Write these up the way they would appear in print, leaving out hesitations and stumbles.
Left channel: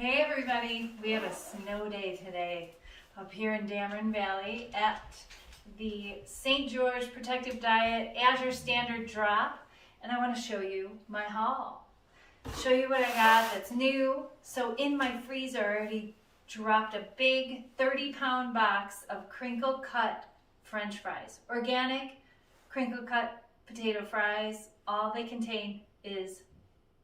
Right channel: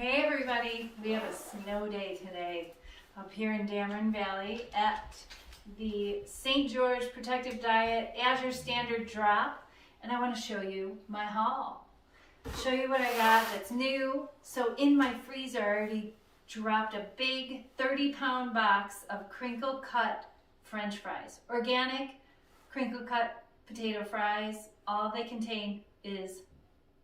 Hey everybody, we have a snow day today up here in Dameron Valley at the St. George Protective Diet Azure Standard Drop, and I want to show you my haul. Show you what I got that's new. So in my freezer I already dropped a big 30-pound box of crinkle cut French fries. Organic crinkle cut potato fries. All they contain is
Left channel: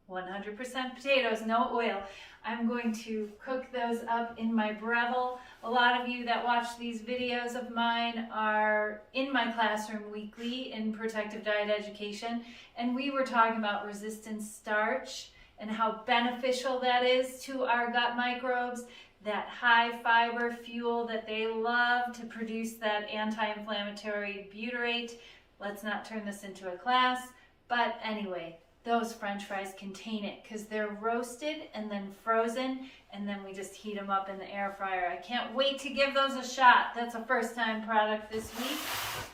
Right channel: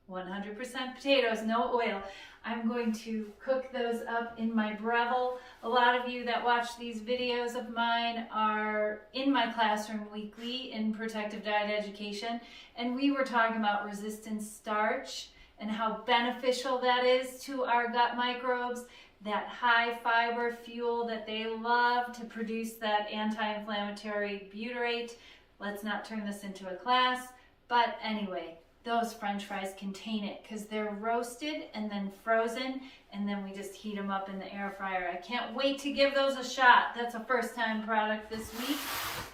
100% potatoes, no oil. I'm going to cook those up in my Breville. A lot of you that watch these videos of mine are in my classroom weekly in protective diet education, and we were talking about resistant starch and how beneficial that is to our gut microbes, that high fiber fuel that they love to produce that anti-inflammatory butyrate. Let's not turn this into a class, but anyway, those French fries contain it because they're roasted and then frozen, and then we just heat them up in the air fryer. I can't wait to give those a shot. That's a first time product this week,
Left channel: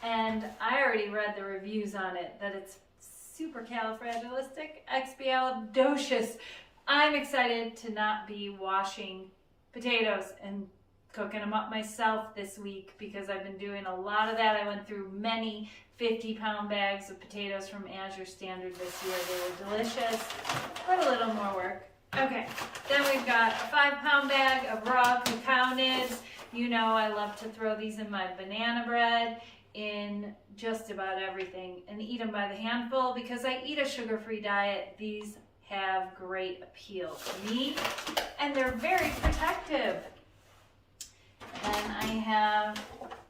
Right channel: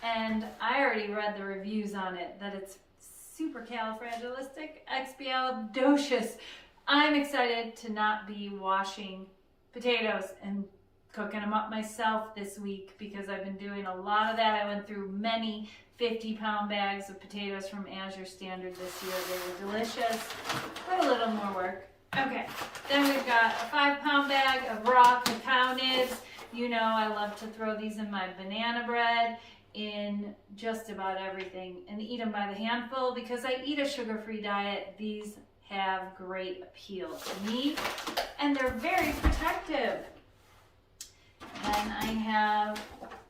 and I already read the reviews on it, that it's supercalifragilisticexpialidocious. I'm excited to not be washing potatoes and cooking them up myself this week because I've been doing a lot of that. I went through many 50-pound bags of potatoes from Azure Standard this year. They were delicious, but a little more work. Okay, then we've got a 5-pound bag of raw cacao nibs. You know I love to throw these in my banana bread, in just about everything, and eat them by the handful. Because I eat a sugar-free diet, these have great appeal to me, and they're very protective. Then I have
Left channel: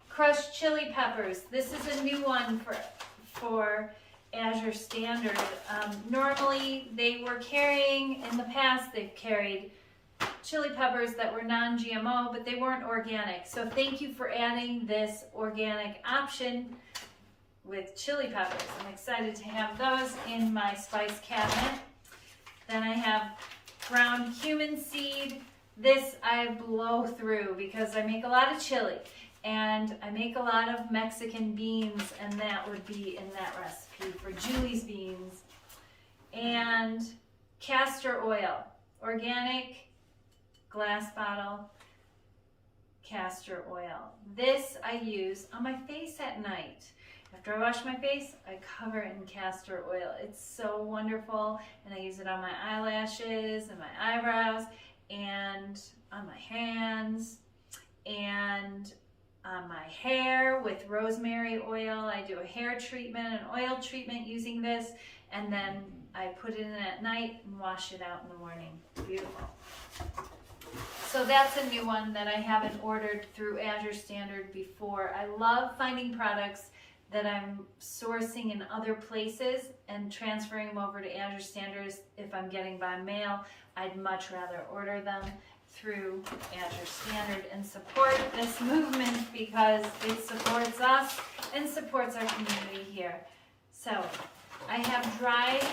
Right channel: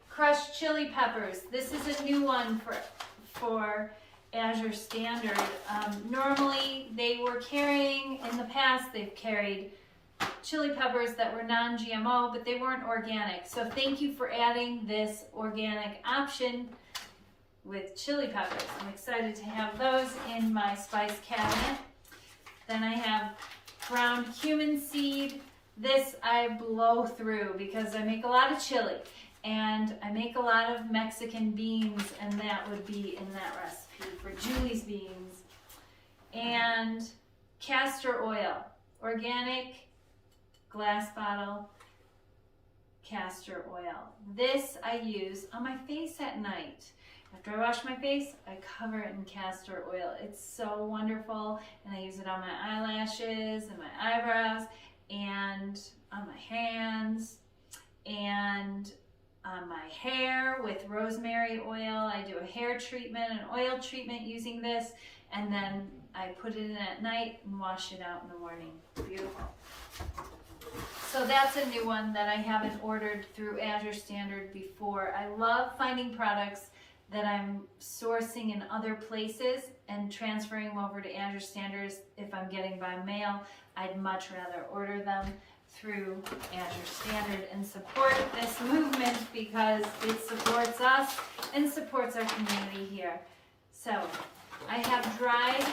crushed chili peppers. This is a new one for Azure Standard. Normally they were carrying, in the past they've carried chili peppers that were non-GMO, but they weren't organic. So thank you for adding this organic option with chili peppers. I'm excited to have those in my spice cabinet. Then I have ground cumin seed. This I blow through because I make a lot of chili and I make a lot of Mexican beans, and that would be in that recipe for Julie's beans. And castor oil, organic glass bottle castor oil. This I use on my face at night. After I wash my face, I cover it in castor oil. It's so wonderful, and I use it on my eyelashes and my eyebrows and on my hands and on my hair with rosemary oil. I do a hair treatment, an oil treatment using this, and then I put it in at night and wash it out in the morning. Beautiful. So that's a new one that I haven't ordered through Azure Standard before. I love finding products that I'm sourcing in other places and transferring them over to Azure Standards. If I'm getting by mail, I'd much rather order them through Azure Standard and support this movement because it supports us and supports our community here. So I have dried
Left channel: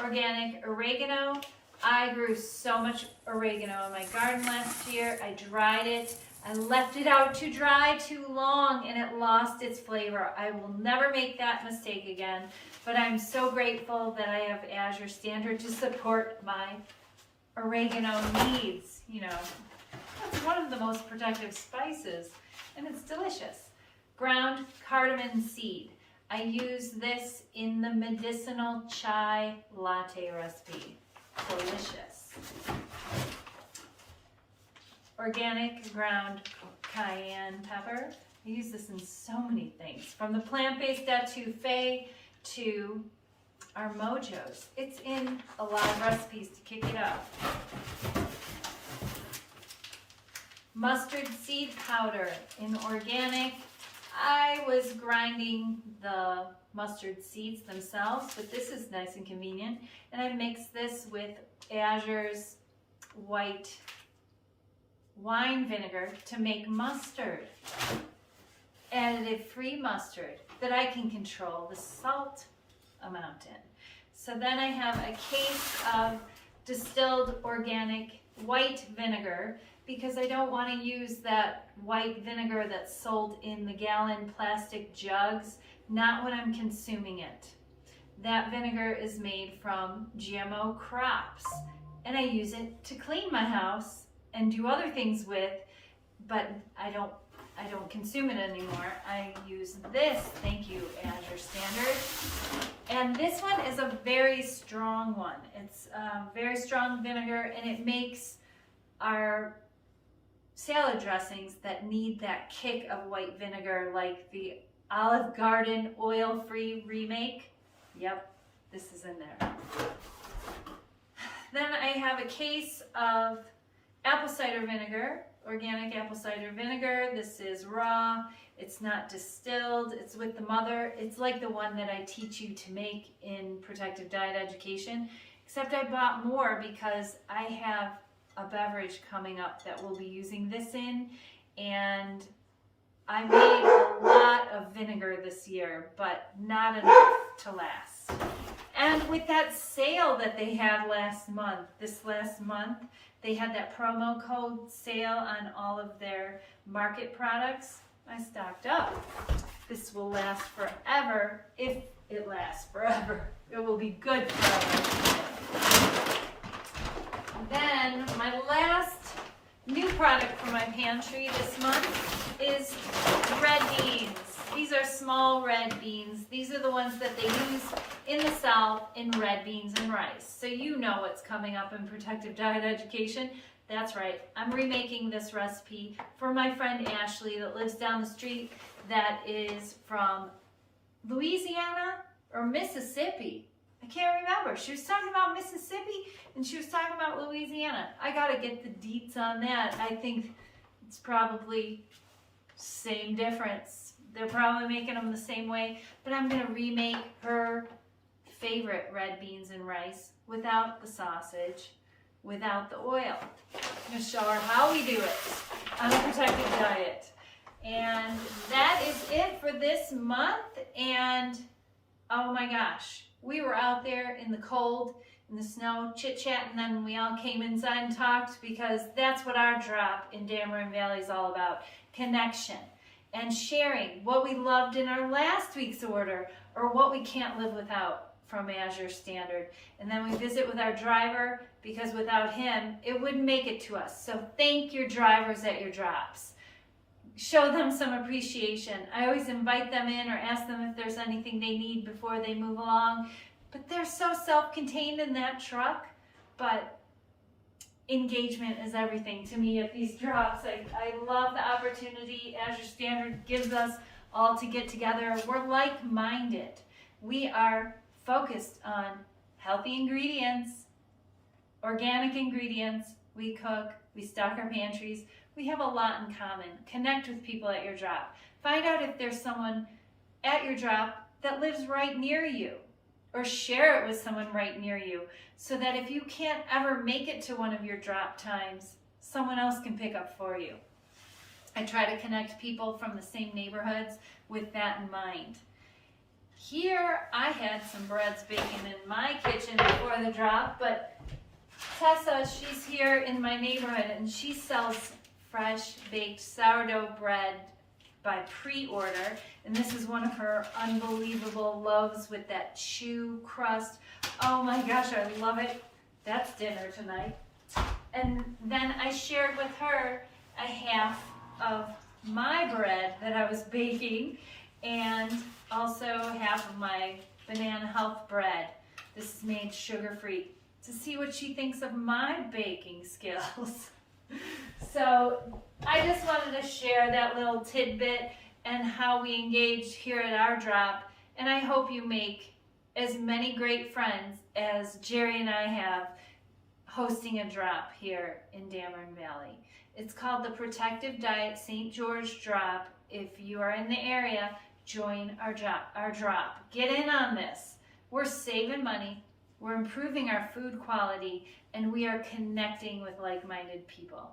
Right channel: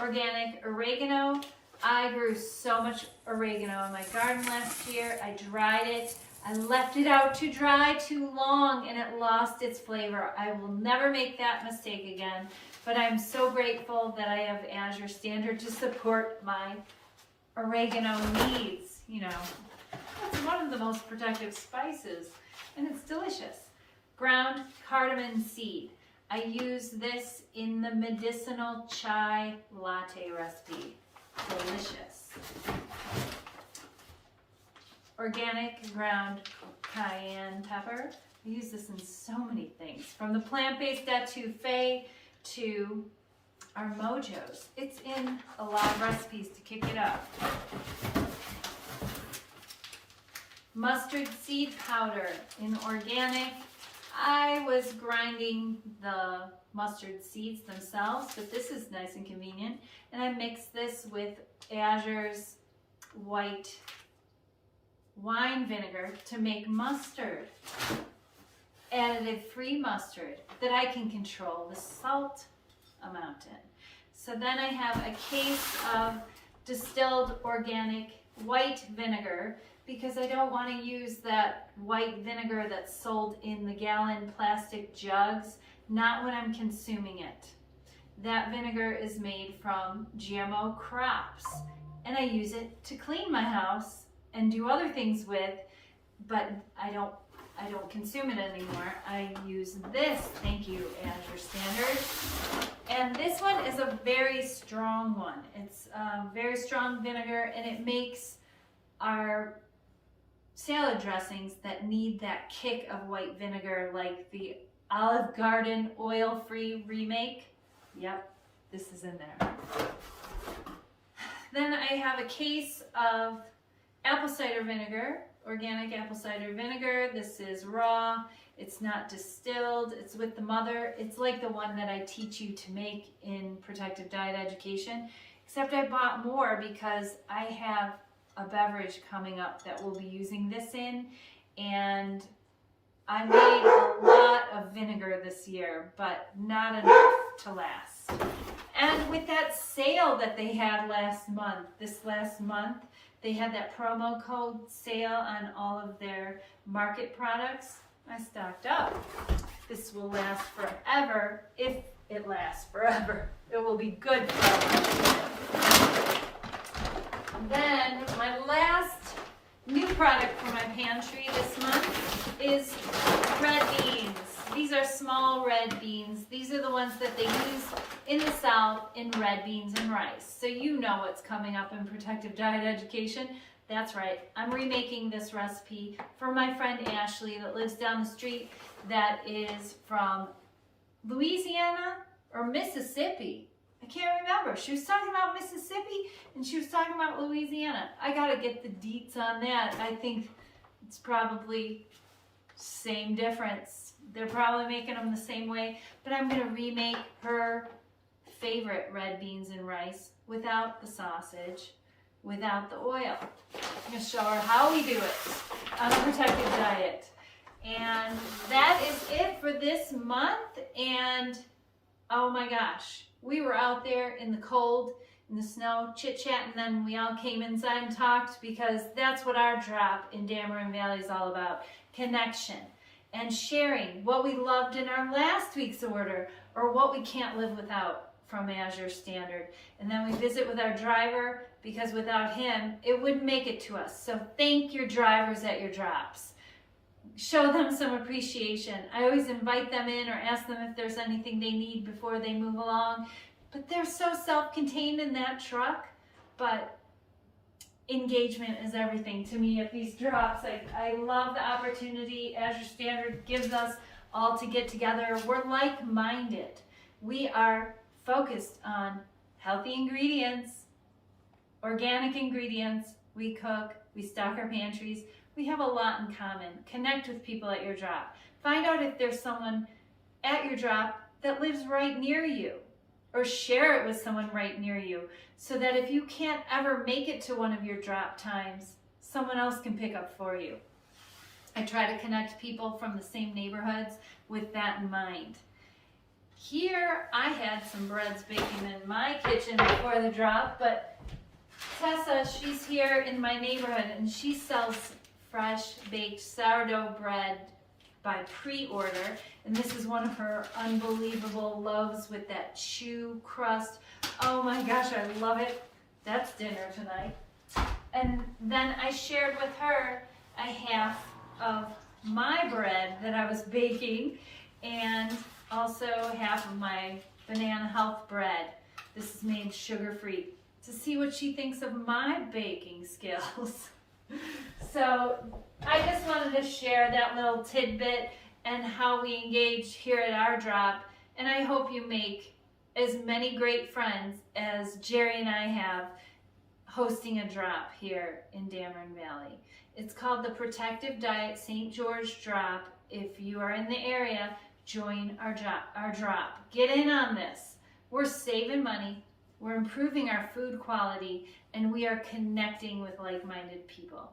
organic oregano. I grew so much oregano in my garden last year. I dried it. I left it out to dry too long and it lost its flavor. I will never make that mistake again, but I'm so grateful that I have Azure Standard to support my oregano needs. You know, it's one of the most protective spices and it's delicious. Ground cardamom seed. I use this in the medicinal chai latte recipe. Delicious. Organic ground cayenne pepper. I use this in so many things, from the plant-based etouffee to our mojos. It's in a lot of recipes to kick it up. Mustard seed powder in organic. I was grinding the mustard seeds themselves, but this is nice and convenient. And I mixed this with Azure's white wine vinegar to make mustard. Added free mustard that I can control the salt amount in. So then I have a case of distilled organic white vinegar because I don't want to use that white vinegar that's sold in the gallon plastic jugs, not when I'm consuming it. That vinegar is made from GMO crops, and I use it to clean my house and do other things with, but I don't consume it anymore. I use this, thank you, Azure Standard. And this one is a very strong one. It's a very strong vinegar, and it makes our salad dressings that need that kick of white vinegar, like the Olive Garden oil-free remake. Yep, this is in there. Then I have a case of apple cider vinegar, organic apple cider vinegar. This is raw, it's not distilled, it's with the mother. It's like the one that I teach you to make in Protective Diet Education, except I bought more because I have a beverage coming up that we'll be using this in, and I made a lot of vinegar this year, but not enough to last. And with that sale that they had this last month, they had that promo code sale on all of their market products. I stocked up. This will last forever, if it lasts forever. It will be good forever. Then my last new product for my pantry this month is red beans. These are small red beans. These are the ones that they use in the South in red beans and rice. So you know what's coming up in Protective Diet Education. That's right, I'm remaking this recipe for my friend Ashley that lives down the street, that is from Louisiana or Mississippi. I can't remember. She was talking about Mississippi and she was talking about Louisiana. I gotta get the deets on that. I think it's probably same difference. They're probably making them the same way, but I'm gonna remake her favorite red beans and rice without the sausage, without the oil. I'm gonna show her how we do it on a protective diet. And that is it for this month. And oh my gosh, we were out there in the cold, in the snow, chit-chat, and then we all came inside and talked, because that's what our drop in Dameron Valley is all about. Connection and sharing what we loved in our last week's order, or what we can't live without from Azure Standard. And then we visit with our driver, because without him, it wouldn't make it to us. So thank your drivers at your drops. Show them some appreciation. I always invite them in or ask them if there's anything they need before they move along. But they're so self-contained in that truck. But engagement is everything to me at these drops. I love the opportunity Azure Standard gives us all to get together. We're like-minded. We are focused on healthy ingredients, organic ingredients. We cook, we stock our pantries. We have a lot in common. Connect with people at your drop. Find out if there's someone at your drop that lives right near you, or share it with someone right near you, so that if you can't ever make it to one of your drop times, someone else can pick up for you. I try to connect people from the same neighborhoods with that in mind. Here, I had some breads baking in my kitchen before the drop, but Tessa, she's here in my neighborhood, and she sells fresh baked sourdough bread by pre-order, and this is one of her unbelievable loaves with that chew crust. Oh my gosh, I love it. That's dinner tonight. And then I shared with her a half of my bread that I was baking, and also half of my banana health bread. This is made sugar-free, to see what she thinks of my baking skills. So I just wanted to share that little tidbit and how we engage here at our drop. And I hope you make as many great friends as Jerry and I have hosting a drop here in Dameron Valley. It's called the Protective Diet St. George Drop. If you are in the area, join our drop. Get in on this. We're saving money. We're improving our food quality, and we are connecting with like-minded people.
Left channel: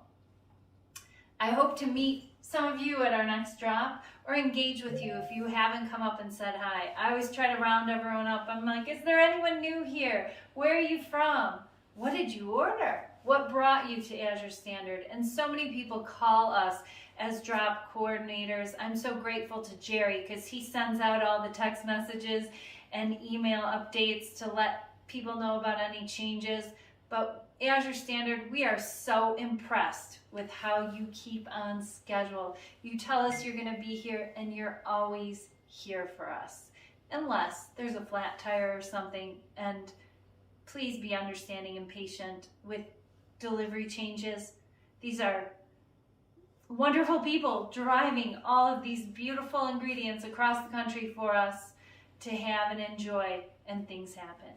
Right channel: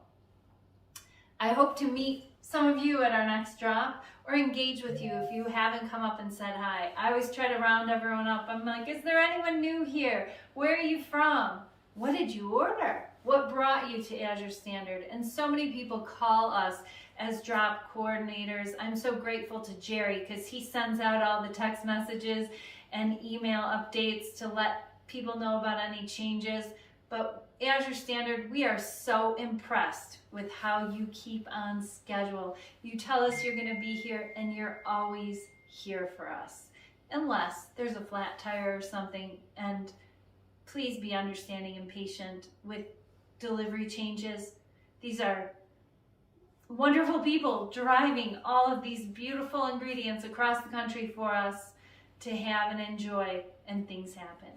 I hope to meet some of you at our next drop, or engage with you if you haven't come up and said hi. I always try to round everyone up. I'm like, is there anyone new here? Where are you from? What did you order? What brought you to Azure Standard? And so many people call us as drop coordinators. I'm so grateful to Jerry, because he sends out all the text messages and email updates to let people know about any changes. But Azure Standard, we are so impressed with how you keep on schedule. You tell us you're going to be here, and you're always here for us. Unless there's a flat tire or something, and please be understanding and patient with delivery changes. These are wonderful people driving all of these beautiful ingredients across the country for us to have and enjoy, and things happen.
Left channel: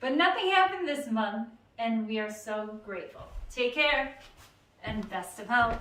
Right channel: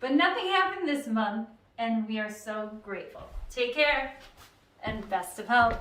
But nothing happened this month, and we are so grateful. Take care, and best of health.